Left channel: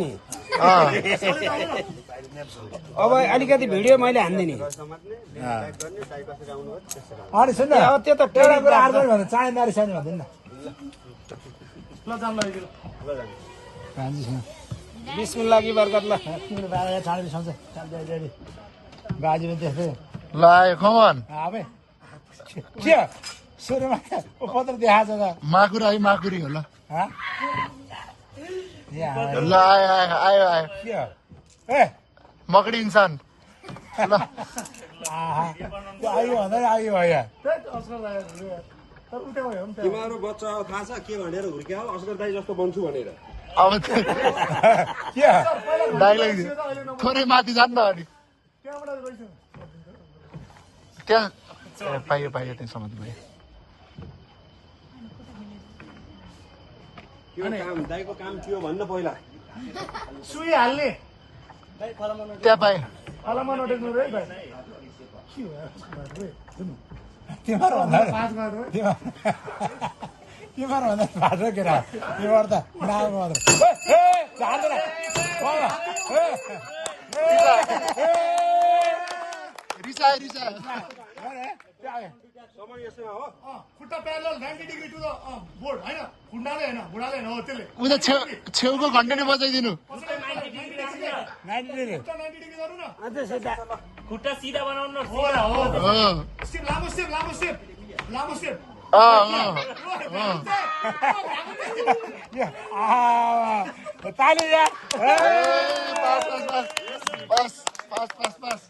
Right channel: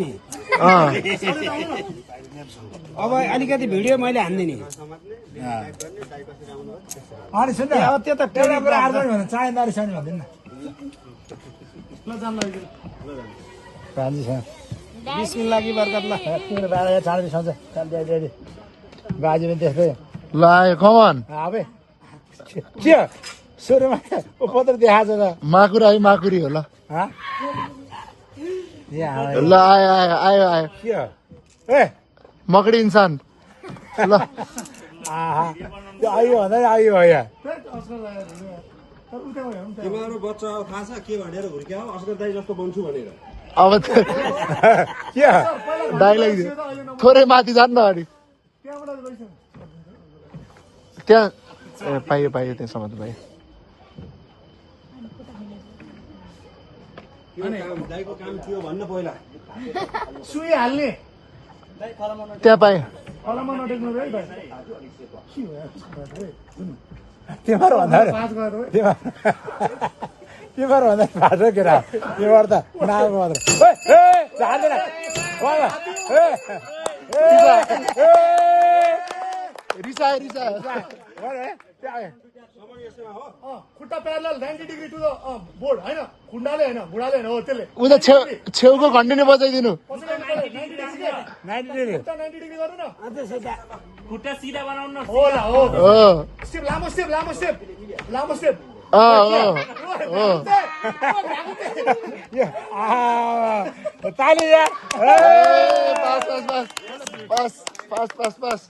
नि अब अलिकति भिडियो मैले हान्दिने अनि सुन अब त्यो त एउटा कुरा आर्जन भन्नु चाहेदारी छैन भन्दैन न बिस्मिल्लाह की बरकत ल चाँदी सन्छ गाजी पनि देख्दै ल कमान अबे के सुरुमा पत्र देखाएको छ माकुरी है माकुरी हो ल ल आयो आयो आयो आयो के हो ए मकडी इन्सान ल आयो भन्दा आयो हो यहाँ तिम्रो बच्चा थाहा छ के भनेर हुर्क्या अस्कर दाइ जस्तो बन्छु भनेर अब के डाइलग थोरै माथि जान्न अलिक त्यहाँ पाइयो पाइयो त्यसमा त भाइ दाइको काम थियो भन्न पहिला सुई हाल्ने त्यहाँ पाएँ फलामा नटेक्नु है भाइ के हो तिमीहरू भन्दा तिमीहरू भन्दा फाटो केटा तिमीहरू त नाएको मात्र रिसायो रिसायो खुट्टा parallel 90 degree to the board होइन खुट्टाले होइन घुँडाले होइन हो त्यसले उता छेउको घन्टिनी बजाइदिनु 90 डिग्री गर्नु न खुट्टा सिधा बनाउनु न हो स्टेप लामो स्टेप लामो स्टेप लामो स्टेप पानी बस बस बस